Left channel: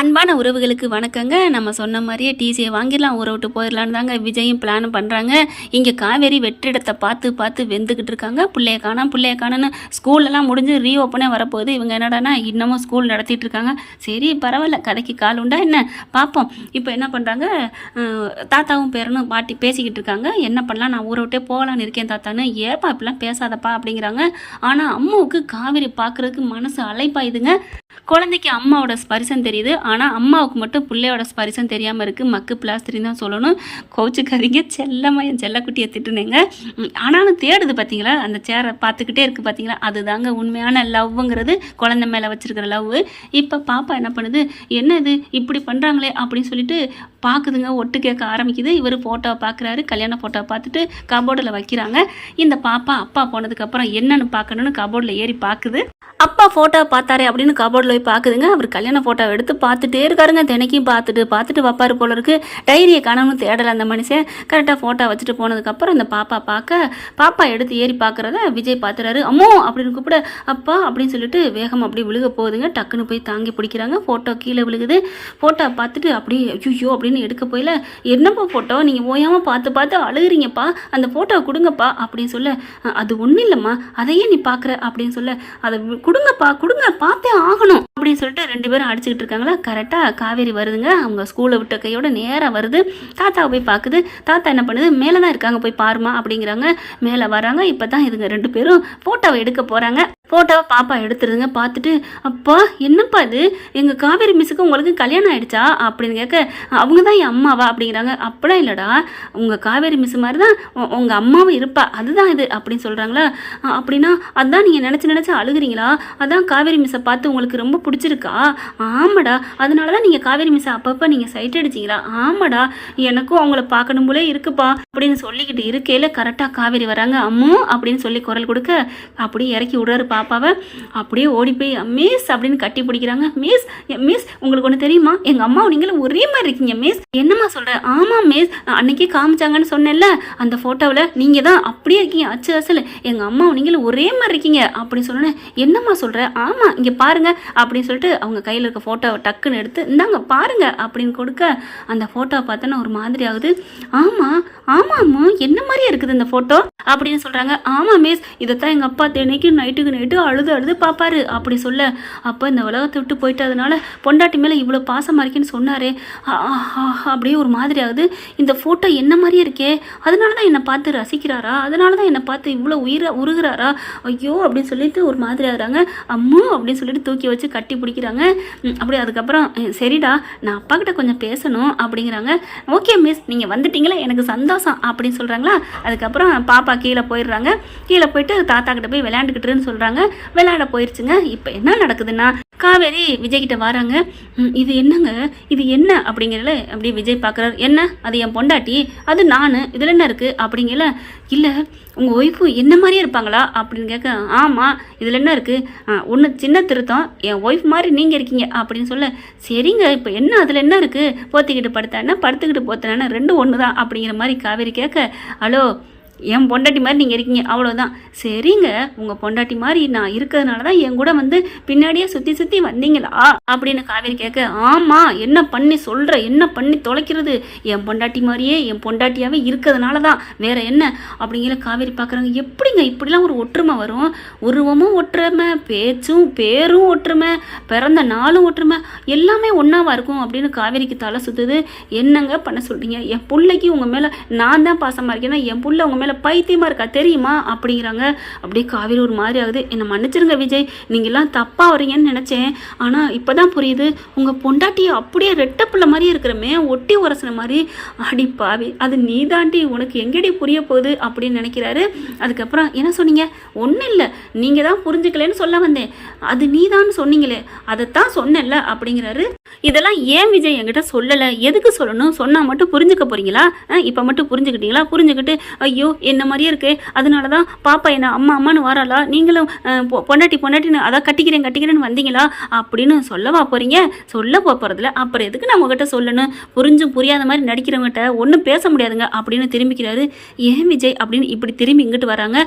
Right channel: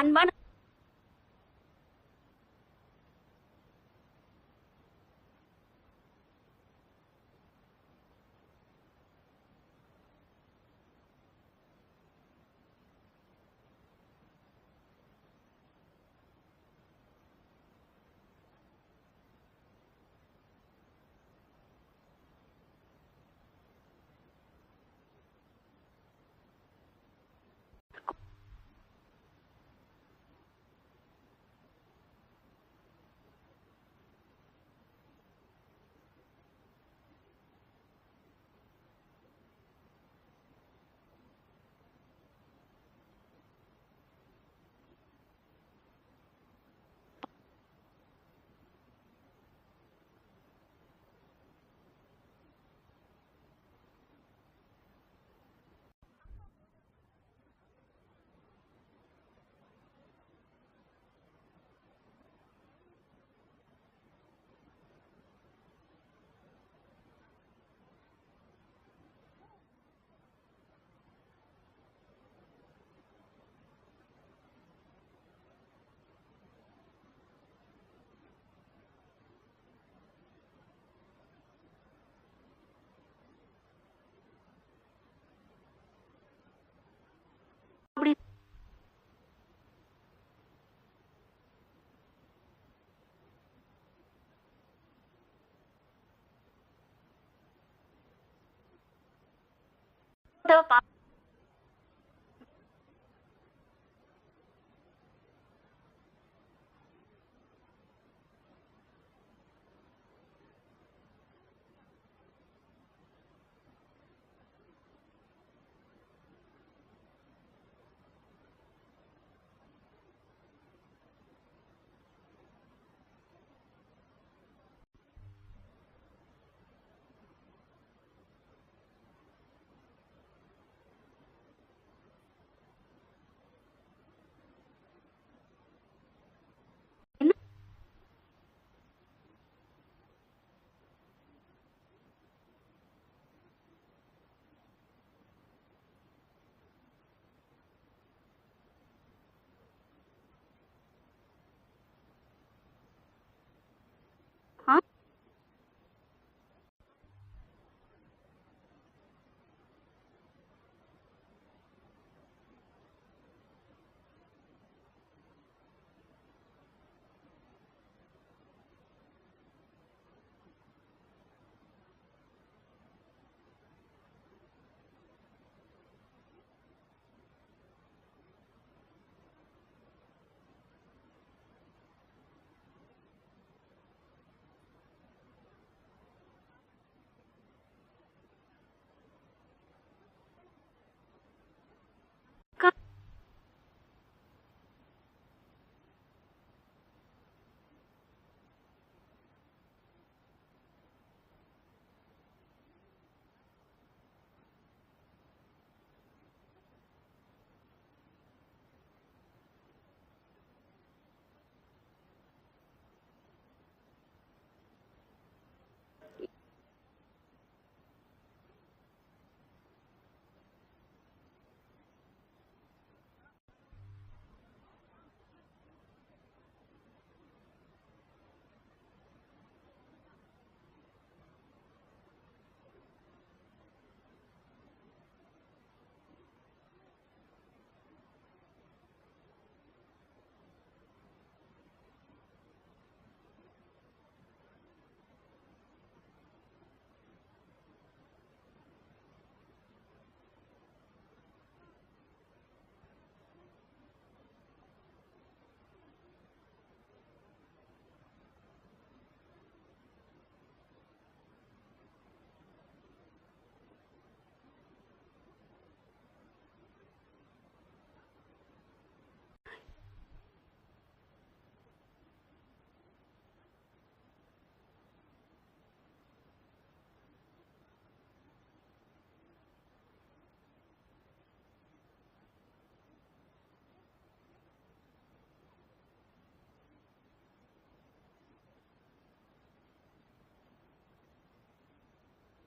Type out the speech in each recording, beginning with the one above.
அன்பான உறவுகளுக்கு வணக்கங்க. நம்ம சொன்ன மாதிரியே டிசியை வாங்கிடலாம், ஊரை விட்டு போயிடலான்னு தாங்க விஜயும் பிளான் பண்ணுறாங்க. இங்கே காவேரி வெற்றிடத்தை பார்த்து பார்த்து வெந்துக்கிட்டு இருக்காங்க. பிள்ளைய காணோன்னு ஸ்கூலெல்லாம் முடிஞ்சு ரீஓப்பனே வரப்போகுது. இவங்க என்னடானா இன்னமும் ஸ்கூல் நடத்திட்டு இருக்காங்க. சரி பரவாயில்ல, கதைக்கு கால் உண்டா என்ன பார்ப்போம். இப்போ என்ன பண்ணுறாங்க, தாத்தாவும் பேரனும் பாட்டி பேசிக்கிட்டு இருக்காங்க. என்ன பண்ணலாம், நான் ஊரை விட்டே போகலான்னு இருக்கேன் தாத்தான்னு. ஏப்பா இப்படிலாம் பேசாதப்பா அப்படிங்கிறாங்க. ஆனால் அம்மாவுக்கு காவேரி பார்க்குறதுக்கு மனசு அலைப்பாயுதுங்க. குழந்தைக்கு அம்மாவோட ஸ்பரிசம் தெரியுது, ஆனால் அம்மாவுக்கு மட்டும் பிள்ளையோட ஸ்பரிசம் தெரியாமல் இருக்குது. மக்கு பிளாஸ்டரின்னு தான் சொல்லணும். கோச்சுக்காதீங்க, செல்லம்மா என் செல்லக்குட்டியை திட்டுனேங்க. ஆனாலும் தேடுது பார்த்தீங்களா, அந்த சேரை பார்த்துக்கிட்டே இருக்குது பார்த்தீங்களா, அதுதாங்க உண்மையான லவ்வுங்கிறது, குழந்தை மேலே வச்சுருக்கிற லவ். இப்போ பாப்பா என்ன பண்ணுது, என்ன இது இப்படி பண்ணுறாங்களே அப்படின்னு சொல்லிட்டு பார்க்குதுங்க. ஒட்டு கேட்க ஆரம்பிக்குது. இவர் ஃபோட்டோவை பார்க்குறாரு, கல்யாண ஃபோட்டோவை பார்த்துட்டு கபோர்டில் வைக்கிறாங்க. இந்த பாப்பா அப்பா போனதுக்கப்புறம் என்னன்னு பார்க்கணுன்னு கபோர்டில் ஏறி பார்க்குது. அப்பா ஃபோட்டோ பார்த்தாரே அப்படின்னு கபோர்டில் போய் பார்க்குதுங்க. அவர் கல்யாண ஃபோட்டோவை எடுத்து பார்த்துட்டே இருக்காருங்க. தினைக்கும் பார்த்துட்டு வைப்பார் போல இருக்கு. டைரியை காணாமல் தேடலை அந்த மனுஷன். கரெக்டாக ஃபோட்டோ வச்சுட்டு போனதுக்கப்புறம் அந்த பாப்பா எடுத்து ஏறி பார்க்குறத விஜய் பார்த்துறாரு. அம்மோ அப்படின்னு கூப்பிட அப்பா அப்படின்னு சொல்லிட்டு வேகம் அப்படி விழுக போகுதுங்க. டக்குன்னு போய் தாங்கி பிடிக்கிறாங்க. ஃபோட்டோ கீழே விழுகுது. ஃபோட்டோ பார்த்துட்டு அப்படியே ஐயோ அப்படின்னு எடுக்க போயில, என்னப்பா ஃபோட்டோ நீங்கள் ஓயாமல் பார்த்து அழுகுறீங்கப்பா, அந்த ஃபோட்டோவை கொடுங்கப்பா அப்படின்னு சொல்ல, அது ஒன்றும் இல்லைம்மா, அதையே நீ பார்க்குற அப்படின்னு சொல்ல, அதை கொடுங்க பார்த்தே ஆகணும் அப்படின்னு சொல்லிட்டு ரெண்டு பேரும் அடிச்சுக்கிட்டு இருக்காங்களா. கரெக்டாக காவேரி வருதுங்க. அவங்க ஸ்கூலை விட்ட கையோட நேராக வருது. தாத்தாவை போய் பார்க்குது. தாத்தா என்ன பண்ணுது, மேலே தான் இருக்காங்க, போய் பாருமா அப்படிங்கிறாங்க. மேலே வராங்க. இப்போ தான் இதுங்க ரெண்டு பேரும் ஃபோட்டோவை எடுக்க போகிறாங்க. ஃபோட்டோவை பாப்பா எடுத்துருதுங்க. பார்த்துட்டு அப்பா என்னப்பா இது, எங்கள் காவேரி மிஸ்ஸுக்கு உங்களுக்கு கல்யாணம் ஆகிடுச்சா அப்படின்னு கேட்க, அவங்க தான் என் அம்மாவா அப்படிங்கிறாங்க. அப்படிலாம் இல்லைடா, உங்கள் காவேரி மிஸ் மாதிரி தான் உங்கள் அம்மாவும் இருப்பா, அதுதான் இது அப்படின்னு சொல்கிறாங்களா. அப்படின்னா அதான் நீங்கள் நினச்சி அழுகுறீங்களா, அதான் காவேரி மிஸ்ஸை பார்த்து உங்களுக்கு ரொம்ப பிடிச்சிருக்கா. ஆமாடா, அதனால தான் நீங்கள் காவேரி மிஸ்ஸை அப்பப்போ நீங்கள் சைட் அடிச்சிங்களா. ஆமாடா, எனக்கும் அவங்கள பார்க்கணும் போலே இருக்குப்பா அப்படின்னு சொல்லிக்கிட்டு இருக்கையில் கரெக்டாக காவேரி வராங்க. அம்மு அப்படின்னு சொல்லி குரல் கொடுக்க அப்படியே இறக்கி விடுறாரு பாப்பாவை. அப்படியே ஓடி போய் மிஸ் அப்படின்னு கட்டி பிடிக்கிறாங்க. மிஸ் உங்களுக்கு ஒன்று தெரியுமா, எங்கள் அம்மாவும் நீங்களும் ஒரே மாதிரி இருக்கீங்க மிஸ். என்னம்மா சொல்கிற. ஆமாம் மிஸ், அன்னைக்கே காமிச்சாங்கன்னு சொன்னேன்ல, அந்த ஃபோட்டோவில் நீங்கள் தான் அப்படியே இருக்கீங்க, அச்சு அசல் எங்கள் அம்மாவும் நீங்களும் ஒரே மாதிரி இருக்கீங்க அப்படின்னு சொன்னேன். என்னம்மா சொல்கிற. ஆமாம் இங்கே பாருங்க அப்படின்னு சொல்லிட்டு அவங்க கையில் இருக்க ஃபோட்டோவை டக்குன்னு எடுத்து இந்தாங்க பாருங்க அப்படின்னு கொடுக்க, அந்த ஃபோட்டோவை பார்த்தோன்னா ஒரு மாதிரி ஆகுது. ஆமாம்மா என்ன மாதிரியே இருக்குது இந்த ஃபோட்டோ அப்படின்னு சொல்கிறாங்க. ஆமாம் மிஸ், இதைத்தான் எங்கள் அப்பா தினைக்கு நைட்டு அழுது பார்ப்பாரு அப்படி சொல்ல, அப்போ இந்த உலகத்தை விட்டு போயிட்டு அதனால பொண்டாட்டி மேலே இவ்வளோ பாசமாக இருக்கேன்னு சொன்னாரே, அப்படியே ஒரு மாதிரி ஆகுது. இந்த ஃபோட்டோ என்ன மாதிரியே இருக்கே, அதனால தான் என்னை பார்த்து ரசிக்கிறாரா, அதனால தான் என்னை பார்த்து இவ்வளோ உருகிறாரா, ஐயோ அப்படின்னு சொல்லிட்டு ஒரு மாதிரி ஆகுறாங்க. அம்மா அப்படின்னு சொல்லிட்டு தூக்கி வச்சு கட்டி பிடிக்கிறாங்க. அப்படி அதுக்கப்புறம் சரிடா நான் அப்பா கிட்ட கொஞ்சம் பேசணும் அப்படிங்கிறாங்க. ஓகே மிஸ், நீங்கள் வந்துட்டீங்களா எனக்கு சந்தோஷம் அப்படின்னு சொல்கிறாங்களா. அதுக்கப்புறம் பாப்பா கீழே போயிடுறாங்க. கீழே போயிட்டு தாத்தா கிட்ட போய் விளையாண்டுக்கிட்டுன்னு சொல்கிறாங்க. விளையாட போயிடுச்சுங்க. இப்போ என்ன நடக்குதுன்னா, காவேரி விஜய் கிட்ட வராங்க. இது என்னங்க, இது என்ன அப்படிங்கிறல அப்படியே விஜய் பார்க்குறாரு. என்ன, அது என் பொண்டாட்டி, அது நான், இதில் என்ன இருக்குது அப்படிங்கல. இல்லை உங்கள் ஒய்ஃபு என்ன மாதிரியே இருப்பாங்களா அப்படின்னு கேட்க, ஆமாம் இதில் என்ன இருக்குது, ஒன்று சின்ன திருத்தம், என் ஒய்ஃப் மாதிரி நீங்கள் இருக்கீங்க அப்படின்னு சொல்ல, சரிங்க இப்போ என்ன அதில் என்ன இருக்குது, போத்திக்கிட்டு படுத்தானே படுத்துக்கிட்டு போத்தானே ரெண்டும் ஒன்று தான் அப்படிங்கிற மாதிரி காவேரி கேட்க, ஹலோ என் பொண்டாட்டி மாதிரி நீங்கள் இருக்கீங்க அவ்வளோதான். சரிங்க உங்கள் பொண்டாட்டி மாதிரி நான் இருக்கிறதுனால தான் என் கூட வந்து பின்னாடியே சுற்றி வந்தீங்களா அப்படின்னு காவேரி கேட்க, ஆமாம் என்ன பண்ணி சொல்கிற, என்ன பண்ணி தொலைக்கிறது, என் பொண்டாட்டி மாதிரியே என் பொண்டாட்டியாகவே இருக்கிறதுனால தான், வேற என்ன அப்படிங்கிற காவேரி பார்க்குறாங்க. எப்படிங்க இப்படிலாம் ஒரு ஒற்றுமை வரும், உருவமும் ஒற்றுமை, பேரும் ஒற்றுமை, பிறந்த நாளும் ஒற்றுமை, எல்லாமே ஒன்றாவா இருக்கும் அப்படின்னு காவேரிக்கு தலை சுற்றுது. என்னங்க பண்ண சொல்கிறீங்க, என் பிள்ளைக்கு உங்கள் மேலே நான் தான் பாசமாக இருக்கேன்னா என் பிள்ளை உங்கள் மேலே பைத்தியமா இருக்கா தெரியுமா அப்படிங்கிறாங்க. அப்படியே காவேரி ஒரு மாதிரி ஆகுது. என்னை மன்னிச்சிருங்க விஜய், நீங்களாம் தப்பா வரீங்கன்னு நினைச்சேன், ஆனா இப்பதான் புரியுது, உங்க பொண்டாட்டியை அப்படியே ரெட்ட பிள்ளை மாதிரியே இருக்கிறமே, ஒட்டி உரசுன மாதிரி. அடி பாவி, அது நீ தாண்டி, உனக்கு எங்கடி புரிய போகுது அப்படின்னு நினைக்கிறாரு. அதுக்கப்புறம் என்ன சொன்னீங்க, ஒன்றும் இல்லை நீங்க தான் புரிஞ்சுக்கலன்னு சொல்ல வந்தேன், அது நீ தான் சொன்னீங்களே அதைத்தான் சொன்னேன்ல அப்படிங்கிறாரு. இதெல்லாம் ஏன் விஜய் என்கிட்ட சொல்லலை, எதுக்கு சொல்லணும், சொன்னால் மட்டும் புரிஞ்சுக்க போறீங்களா, இப்போ மட்டும் புரிஞ்சுக்கிட்டீங்களா, புரிஞ்சுக்கிட்டு ஐயோ என்ன மாதிரியே இருக்கு, அதனால தான் பாப்பா என்ன அம்மா அம்மான்னு வராளா, நீங்களும் பொண்டாட்டின்னு அதான் கட்டிக்கிறேன்னு வந்தீங்களா அப்படின்னு சொல்லவா போகிறீங்க? சொல்ல போகிறதில்ல, அப்புறம் எதுக்கு நான் உங்ககிட்ட சொல்லணும்? புரிஞ்சும் புரியாத மாதிரி நடிக்கிறவங்ககிட்ட ஒன்றும் பேச முடியாதுங்க அப்படின்னு திரும்பிக்கிறாரு. ஏன் விஜய் அப்படின்னு இப்படி திரும்பி இங்கிட்டு வராங்க.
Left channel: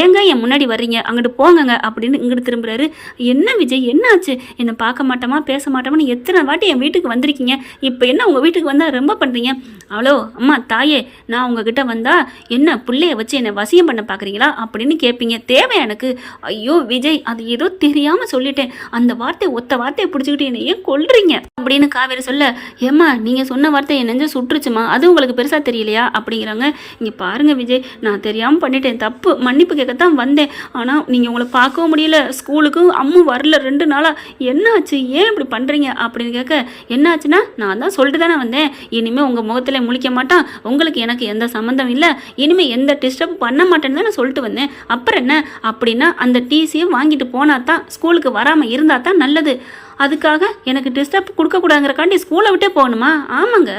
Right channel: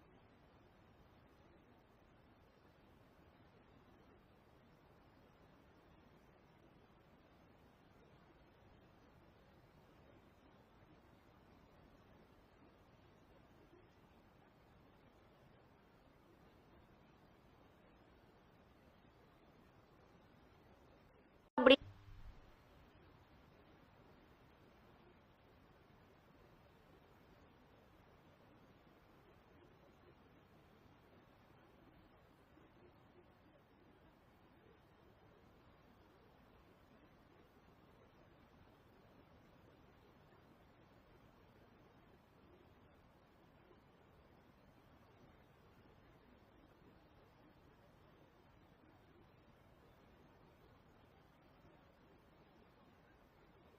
ஏங்க என் முன்னாடி வர்றீங்க, அங்கிட்டு போங்கங்க அப்படின்னு இங்கிட்டு திரும்புறாரு. என்ன விஜய் என்ன ஆச்சு? என்னை பார்க்க மாட்டோமா பேச மாட்டோமான்னு எத்தனை வாட்டி என் வீட்டுக்கு வந்திருக்கீங்க, இப்போ என்ன உங்கள் வீட்டுக்கு வந்தால் ரொம்ப பண்ணுறீங்க? அவ்வளோ அம்மா தாயே, நான் உங்ககிட்ட வந்தா என்ன பிள்ளைய வச்சு என்னை வசியம் பண்ண பார்க்குறீங்களா அப்படின்னு கேட்பீங்க. தேவை எனக்கு. ஐயோ விஜய், அது ஏதோ தெரியாமல் சொல்லிட்டேன், அந்த ஒத்த வார்த்தையை பிடிச்சிக்கிட்டு என்னை ஏன் கொல்றீங்க அப்படின்னு காவேரி சொல்ல, ஏம்மா நீங்கள் சொன்ன வார்த்தை என் நெஞ்ச சுற்றுச்சுமா, அது உங்களுக்கு பெருசாக தெரியலையா அப்படிங்கிறாங்க. இங்கே பாருங்கள் விஜய், நான் தெரியாமல் பண்ணிட்டேன், தப்பு, மன்னிப்பு கேட்கத்தான் வந்தேன். ஆனால் நீங்கள் உங்களை பார்க்கவும் முடியல, ஸ்கூலுக்கும் அம்மு வரல 2 நாளாக, என்னாச்சு ஏன் இப்படி பண்ணுறீங்க அப்படின்னு கேட்க, என்னாச்சுன்னா நான் தான் சொல்லிட்டு தானே வந்தேன், இனிமேல் உங்கள் முகத்தில் முழிக்க மாட்டான், உங்களுக்கு எனக்கு எந்த சம்மந்தம் இல்லை, இனிமேல் எந்த டிஸ்டர்ப் பண்ண மாட்டேன்னு தான் சொல்லிட்டு வந்தேன், அப்புறம் என்ன அப்படின்னா அந்த டிசியை வாங்கிட்டு போனா தான், ஸ்கூலுக்கு வராமல் இருந்தால் தான் நல்லது, அதுக்காக எனக்கு டிஸ்டர்ப் கொடுக்கக்கூடாதுங்கிறக்காண்டி ஸ்கூலை விட்டே போகணுமா? ஆமாங்க.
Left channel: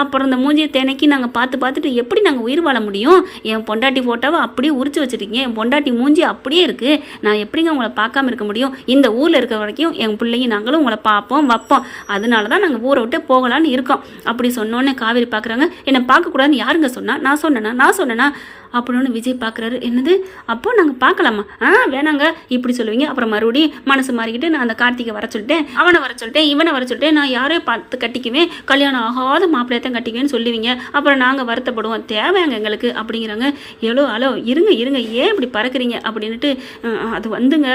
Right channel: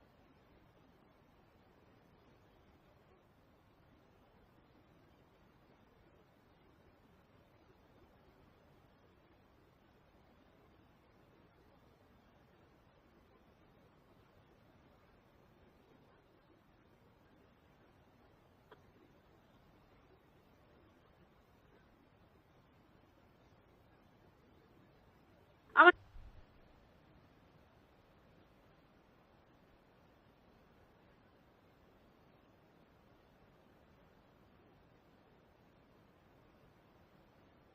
அப்புறம் இந்த மூஞ்சியை தினைக்கி நாங்கள் பார்த்துட்டு எப்படி நாங்கள் உயிர் வாழ முடியும்? என் பொண்டாட்டி ஃபோட்டோவை அப்படியே உரிச்சு வச்சுருக்கீங்க, என் பொண்டாட்டி மூஞ்சி அப்படியே இருக்குது, நான் எப்படிங்க உங்களை பார்க்காம இருக்க முடியும்? இந்த ஊரில் இருக்க வரைக்கும் என் பிள்ளைங்க நாங்களும் உங்களை பார்ப்போம் வைப்போம், அதனால தான் நாங்கள் ஊரை விட்டே போகலான்னு இருக்கோம். அப்படி சொன்னோன்னே காவேரி பார்க்குறாங்க. என்னை பார்க்கக்கூடாதுன்னு யாருங்க சொன்னா? நான் சொன்னேன்னா அப்படின்னு விஜய் பார்க்குறாரு. என்னது, அப்போ நாங்கள் பார்க்கலாமா? வேணாங்க இப்படி சொல்லுவீங்க. அப்புறம் மறுபடியும் மனசு மாறிக்கிட்டு நான் அந்த கார்த்திகை வர சொல்லிட்டேன், அவனை வர சொல்லிட்டேன், இவனை வர சொல்லிட்டேன், நான் யாரையும் பார்த்து கட்டிக்குவேன், கல்யாணம் ஆகாத மாப்பிள்ளையத்தான் கட்டிக்குவேன்னு சொல்லுவீங்க, அப்புறம் நாங்கள் வருத்தப்படுவோம், தேவையாங்க எங்களுக்கு அப்படிங்கிறாங்க. ஹலோ இருங்க ஏன் இப்படி பறக்குறீங்க அப்படின்ட்டு, அது வந்துங்க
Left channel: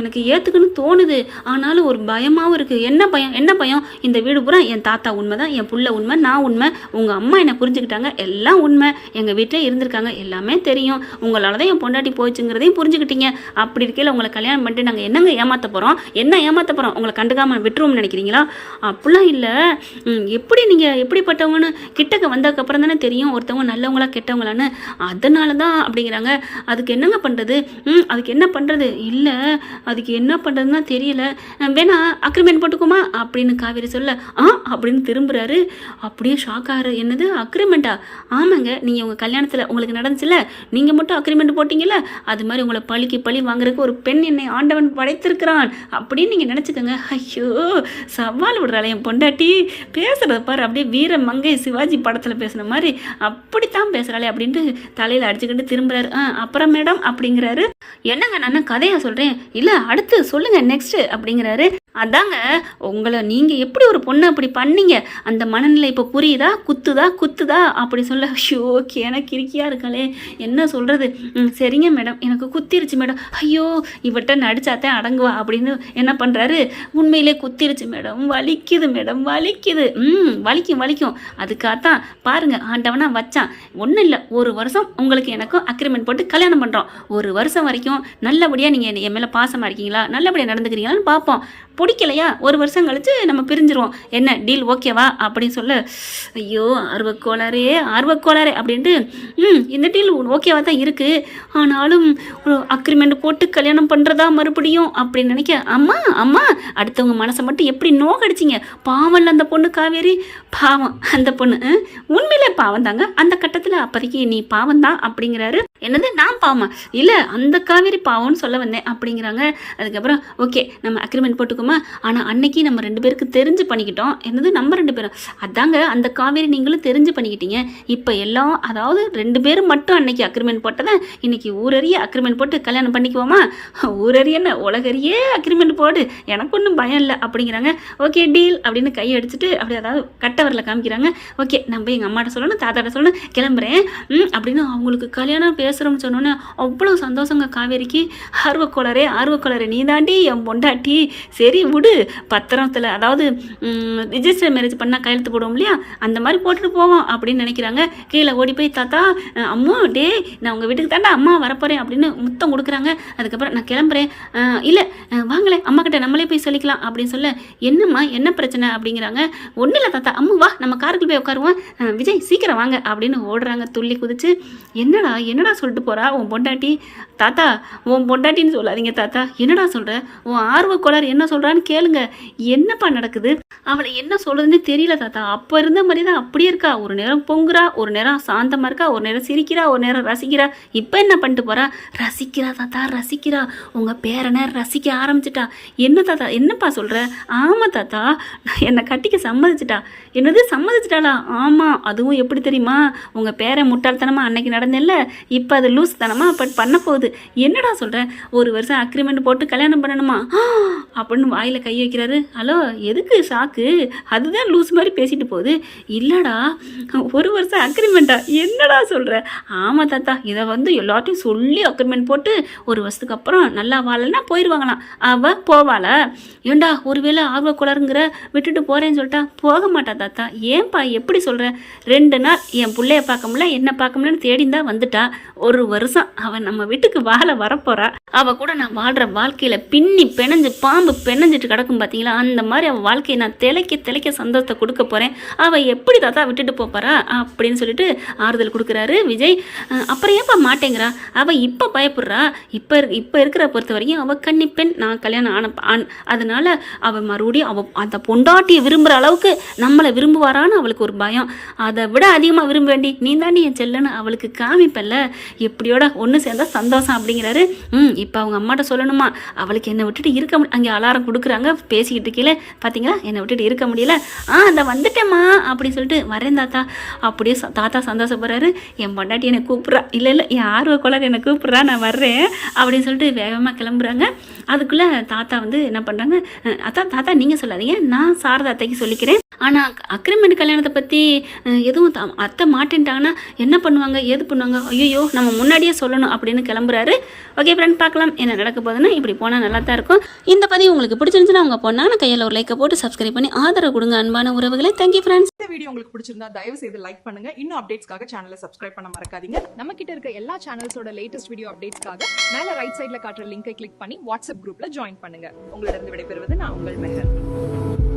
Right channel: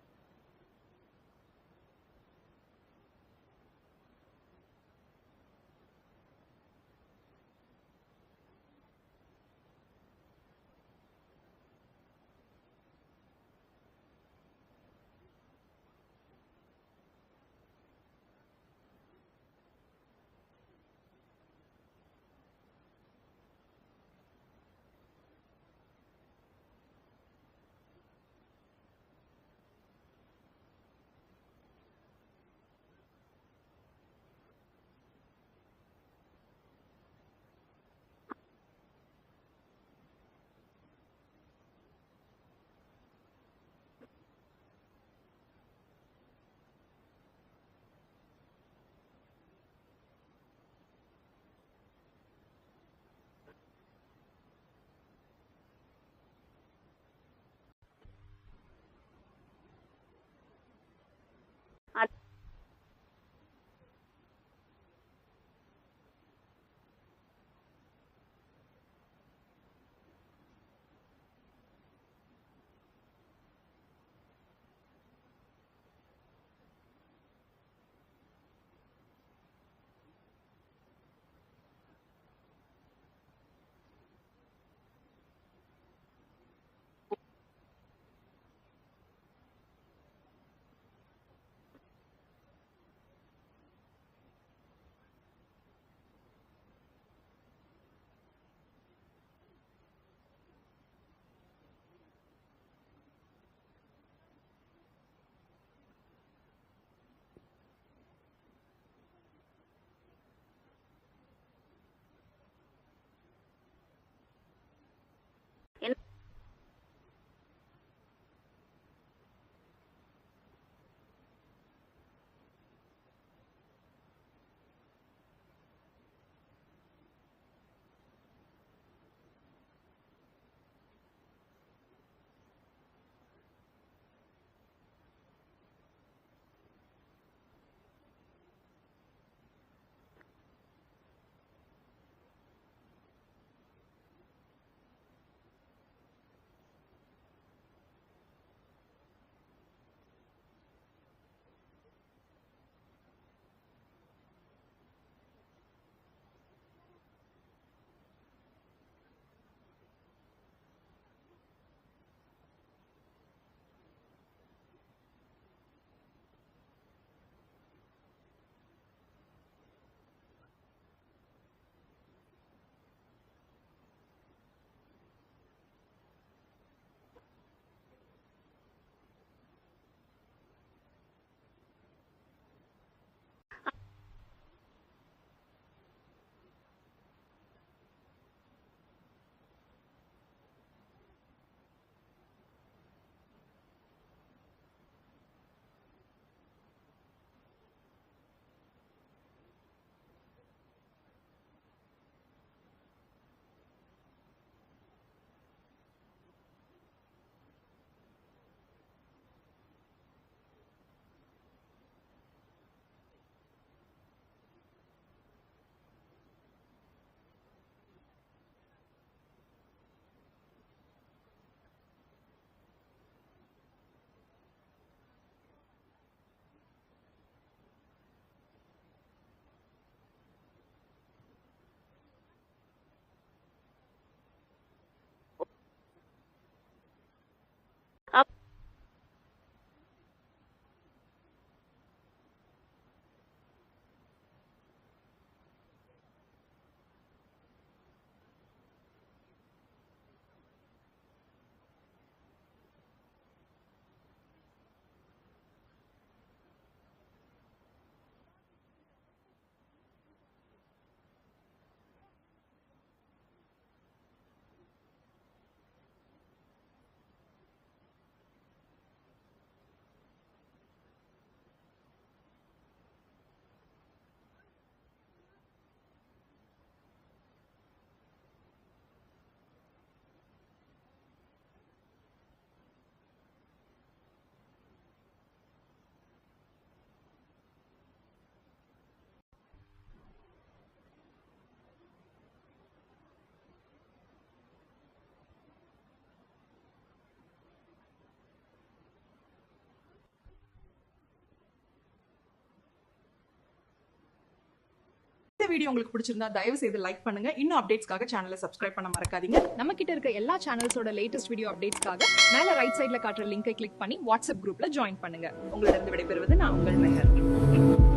எனக்கு ஏற்றுக்குன்னு தோணுது, ஆனாலும் ஒரு பயமாகவும் இருக்குது. என்ன பயம்? இந்த வீடு பூரா என் தாத்தா உண்மை தான், என் புள்ள உண்மை, நான் உண்மை, உங்கள் அம்மா என்னை புரிஞ்சுக்கிட்டாங்க, எல்லாம் உண்மை, எங்கள் வீட்டில் இருந்திருக்காங்க, எல்லாமே தெரியும், உங்களால தான் என் பொண்டாட்டி போச்சுங்கிறதையும் புரிஞ்சுக்கிட்டீங்க. அப்படி இருக்கையில் உங்களை கல்யாணம் பண்ணிட்டு நாங்கள் என்னங்க ஏமாற்ற போகிறோம்? உங்களை கண்டுக்காமல் விட்டுருவோம்னு நினைக்கிறீங்களா? அப்படிலாம் இல்லை. நீங்கள் எப்படிப்பட்டவங்கன்னு கிட்டக்க வந்ததுக்கப்புறம் தானே தெரியும் ஒருத்தவங்க நல்லவங்களா கெட்டவங்களான்னு, அதனால தான் அப்படிங்கிறாங்க. அதுக்கு என்னங்க பண்ணுறது? அதுக்கு என்ன பண்ணுறது? இல்லை, அதுக்கு என்ன பண்ணுறதுன்னா தெரியல, வேணா அக்ரிமெண்ட் போட்டுக்குமா அப்படின்னு காவேரி சொல்ல, அப்படின்னு திரும்புகிறாரு. அப்படியே ஷாக் ஆகிற, என்னது அக்ரிமெண்ட்டா? ஆமாங்க, நீங்கள் உங்கள் கல்யாணத்தில் உங்களுக்கு நடந்துச்சுல, நீங்கள் மட்டும் அக்ரிமெண்ட் போட்டிங்கல்ல, அது மாதிரி உங்களை பழி வாங்குறதுக்கு ஒரு பெண் என்னை ஆண்டவன் படைத்திருக்கிறான் அப்படின்னு நீங்கள் நினச்சிக்கோங்க. ஐயோ, சவால் விடுறாள் என் பொண்டாட்டி, பேசுகிறத பாரு, அப்படியே வீர மங்கை சிவாஜி படத்தில் பேசுன மாதிரி அப்படித்தான் பேசுகிறாளே அப்படின்ட்டு தலையில் அடிச்சுக்கிட்டு திரும்புறாரு. அப்புறம் மேடம் அப்படிங்கிறாரு. என்னங்க நான் கதையாக சொல்கிறேன், இல்லை அடுத்து சொல்லுங்கள் நெக்ஸ்ட்டு அப்படிங்கிறாரு. அதாங்க, நீங்கள் எப்படி ஒரு பொண்ணை அப்படி பண்ணீங்க, அந்த மனநிலை இப்போ புரியுதா? குத்துதா அப்படி சொல்ல, ஐயோ எனக்கு கிறுக்கியாக இருக்காளே, என்ன சொல்கிறது? சரிங்க மேடம், எனக்கு குத்திருச்சு மேடம். ஐயோ, இவட்ட நடிச்சாத்தான் அடங்குவா அப்படின்னு என்ன பண்ணுறாரு, உண்மையிலே குத்திருச்சு மேடம், வலிக்குது மேடம், வலிக்கும். அதுக்காகத்தான் பாருங்க ஆண்டவனா வச்சான். ஒன்றும் இல்லை, 1 வருஷம் உங்களுக்கு எனக்கும் அக்ரிமெண்ட் போட்டு கல்யாணம் பண்ணுறோம். 1 வருஷம் வரைக்கும் நல்லபடியாக நீங்கள் என் மேலே பாசமாக இருக்கீங்களா, நல்லபடியாக நடந்துக்கிறீங்களான்னு பார்ப்போம். பிடிக்கலையா 1 வருஷம் கழிச்சு நம்ம பிரிஞ்சிருவோம், என்ன டீல் ஓகேவா அப்படின்னு சொல்ல, ஐயோ ஆர்வக்கோளாரே அப்படின்ட்டு, இந்த டீல் ஓகேவா தான் இருக்குது, ஆனாலும் அக்ரிமெண்ட் போட்டு கல்யாணம் பண்ணுறதா மறுபடியும் அப்படின்னு நினைக்க, அம்மா அடுத்தவங்க மனசை மட்டும் எப்படி நோக்கடிச்சிங்க, பாவம்ல அந்த பொண்ணு காவேரி, பாவம் அந்த பொண்ணு, உண்மையிலே பாவம் தாங்க, அந்த கட்டத்தில் அப்போதைக்கு நீ பாவம் தான் அப்படிங்கிறாரு. என்னது நான் பாவமா? இல்லை, அந்த காவேரி பாவம்னு சொல்ல வந்தேன் அப்படிங்கிறாங்க. அதுக்கப்புறம் ஓகே நம்ம அக்ரிமெண்ட் போட்டுக்கோமா, ஆனால் அன்னைக்கு நம்ம 2 பேருக்கு தெரிஞ்சு பண்ணிக்கிட்டோம். என்னது நம்ம 2 பேரும்? அதாங்க அந்த காவேரி நீங்களும் தெரிஞ்சு பண்ணிக்கிட்டீங்க. இப்போ எல்லாம் அதாவது 2 பேரும் மட்டும் அன்னைக்கு அக்ரிமெண்ட் போட்டதான் இன்னைக்கு ஊரறிய அக்ரிமெண்ட் போட்டு கல்யாணம் பண்ணிக்குவோமா? ஊரறியன்னு உலகறியே அக்ரிமெண்ட் போடு, எனக்கு ஒன்றும் பயம் இல்லை அப்படிங்கிறாங்க. ஓகே டீல் அப்படின்னு கை அடிச்சுட்டு அப்படி அதாவது கட்டவரில் காமிக்கிறாங்க. ஓகே நம்ம எங்கள் அம்மாட்ட சொல்லணும், தாத்தாட்ட சொல்லணும், கிளம்புறேன் அப்படின்னு அவங்களுக்கு கல்யாணம் பேசுகிறோம்னு சொன்னோன்னே அவ்வளோ சந்தோஷங்க காவேரிக்கு. ஆர்வக்கோளரே நீ தாண்டி என் பொண்டாட்டி, சரி விடு, பத்திரத்தில் அதாவது ரிஜிஸ்டர் மேரேஜ் பண்ணால் கையெழுத்து போடுவோம் இல்லையா, அந்த மாதிரி போட்டுட்டு போவோம் அப்படின்னு நினைக்கிறாங்க. கீழே ஓடி போய் தாத்தா அம்மா டே நான் உங்கள் வீட்டுக்கு தாண்டா அம்மா வரப்போகிறேன் அப்படின்னு முத்தம் கொடுக்குறாங்க. அதுக்கப்புறம் நான் கிளம்புறேன், இல்லை வாங்களேன் அம்மா கிட்ட நம்மளே போய் சொல்லிக்கலாம் அப்படின்னு சொல்ல, என்னம்மா என்ன பிரச்சனை அப்படிங்கிறாங்க. ஒன்றும் இல்லை தாத்தா, அம்மா வா நம்ம காருக்குள்ள போய் உட்காருவோம், விஜய் சீக்கிரம் வாங்க அப்படின்னு ஓடுறாங்க துள்ளி குதிச்சு. என்னடா சொல்லிட்டு போகிறா உன் பொண்டாட்டி. தாத்தா உன் பொண்டாட்டின்னு சொல்லாதீங்க தாத்தா. என்னடா சொல்கிற? உன் ஆர்வ கோளாறு என்ன சொல்கிறான்னு கேளுங்க. என்னப்பா நடக்குது? அவளை என்ன சொல்கிறதுன்னு தெரியல தாத்தா. அப்போ இருந்த மாதிரி தான் அப்படியே இருக்கா. ஒரு நேரம் பொங்குறா, ஒரு நேரம் சாந்தமாக இருக்கா, ஒரு நேரம் சிரிக்கிறா, ஒரு நேரம் ரசிக்கிறா. இப்போ என்ன பண்ணிட்டு போகிறா? ரசிக்கிறா தாத்தா, ரசிக்கிறா. உங்கள் பேரனை ரசிக்க ஆரம்பிச்சிட்டா. என்ன தாத்தா என்னப்பா சொல்கிற? ஆமாம் தாத்தா, என்னை கட்டிக்க சம்மதிச்சிட்டா. என்னது சம்மதிச்சிட்டாளா? ஆமாம். அதுவும் எப்படி தெரியுமா? உங்கள் பேரை முட்டாள்தனமாக அன்னைக்கு நடந்தில்ல, இப்போ அது லூஸ் தனமாக அப்போ பண்ண போகுது. என்னடா சொல்கிற? 1 வருஷம் அக்ரிமெண்ட் போட்டு கல்யாணம் பண்ணணுமா அப்படின்னு வாயில் கை வைக்கிறாரு. ஹலோ, எதுக்கு ஷாக்கு? அதுதான் லூஸ் மாதிரி பேசிட்டு போகுது. இல்லைடா 1 வருஷம் அக்ரிமெண்ட்டா? என்னடா சொல்கிற? ஆமாம் தாத்தா, இதை வந்து எல்லாத்தையும் சொல்லி அக்ரிமெண்ட் போட்டு 1 வருஷத்துக்கு அப்புறம் நல்லா வாழலைன்னா போயிடுவாங்களாம். அவள் போவாளா? ஏண்டா ஒருவேளை ஆர்வ குளருங்கிற விட்டுட்டு போகிறேன்னு சொல்லிட்டா? போக மாட்டா தாத்தா. ஏன்பா எப்படி சொல்கிற? 2 நாள் என் பிள்ளைய பார்க்க முடியல, என்ன பார்க்க முடியலன்னு தேடிந்தான் வந்துட்டா. 1 வருஷம் அவன் நம்ம வீட்டுக்கு வாழ வரப்போறா. அவள் கூட நான் வாழ்கிற வாழ்க்கையில் பின்னி பிணைஞ்சு பாம்பு பிணைஞ்சிட்டு கிடக்கும் பார்த்தீங்களா? அந்த மாதிரி அவள் வாழ்க்கையை நான் திளைக்க சந்தோஷத்தை கொடுக்க போகிறேன். அவள் எப்படி தாத்தா விட்டுட்டு போப்பாரா அப்படின்னு சொல்லிட்டு ஆறுதல் கொடுக்குறாரு விஜய். அப்புறம் ஏன்ப்பா மாட்டேங்கிறா? அவள் இப்போ பயப்படுறா. இப்போ இருக்கிற பொறுத்த வரைக்கும் அவள் கன்னிப்பெண். நான் கல்யாணம் ஆன அதனால அவள் மறுபடியும் அவள் அந்த பொண்டாட்டியை விரும்புகிற அளவுக்கு நம்மளை விரும்புவாரான்னு அவளுக்கு ஒரு பயம். அதை விட அதிகமாக விரும்ப வேண்டி நீ தாண்டி என் செல்லுன்னு அவளுக்கு காமிப்பல்ல. எப்படியோட ஒன்று சேர்ந்தா சந்தோஷம் அப்படிங்கிறாரு. இப்போ அவங்க அம்மாட்ட சொல்லணுமா? அவளுக்கு என்னை விட்டுட்டு இருக்க அங்கே அலாரம் கொடுக்குறாங்க பேசிக்கிட்டு கீழே பார்த்தீங்களா, என்னை விட்டுட்டு இருக்க முடியல. அந்த வந்துட்டேம்மா அப்படின்னு சொல்லிட்டு வரேன் தாத்தா. அப்படியே தாத்தா சந்தோஷப்படுறாரு. என் பொண்டாட்டி என்னை கூப்பிட்றா, இல்லை என் ஆர்வ கோளாறு என்னை கூப்பிட்றா, நான் வர்றேன் அப்படின்னு சொல்லிட்டு வேகமாக கிளம்புறாங்க. அதுக்குள்ளே தாத்தா வந்து என்ன பண்ணுறாங்க? தாத்தா நீங்கள் சொல்லாதீங்க, நான் சாரதா அத்தைக்கு சொல்லிக்கிறேன். ஆனால் அக்ரிமெண்ட் கல்யாணத்தை பற்றி எதுவும் அத்தை மாட்டேன்ட்டாங்கன்னா என்ன பண்ணுவாங்க, ஏது பண்ணுவாங்க? ஐயோ நம்ம முன்னாடியே சொல்லணும் அப்படின்னு கிளம்புறாரு. ஓகே ஃப்ரெண்ட், பார்க்கலாம் என்ன நடக்க போகுதுன்னா. இப்படி போனால் நல்லா தான் இருக்கும். இந்த பதிவு உங்களுக்கு பிடிச்சிருந்துச்சுன்னா உங்கள் பொண்ணான கையில் ஒரு லைக்கை போட்டு சப்ஸ்கிரைப் பண்ணி ஆதரவு கொடுங்க அன்பான உறவுகளை. Thank you friends. இந்த வீடியோ உங்களுக்கு பிடிச்சிருந்தா தயவு செய்து லைக் பண்ணுங்க. இன்னும் அப்டேட்ஸ்க்காக சேனலை சப்ஸ்கிரைப் பண்ண மறக்காதீங்க. நம்ம கிட்ட இருக்க எல்லா சேனல்ஸோட லேட்டஸ்ட் வீடியோ அப்டேட்ஸ்க்காக மேல ரைட் சைடுல காட்டுற லிங்கை கிளிக் பண்ணி வாட்ஸ்அப் குரூப்ல ஜாயின் பண்ணுங்க. உங்களிடம் விடைபெறுவது நான் உங்கள் மெஹர்.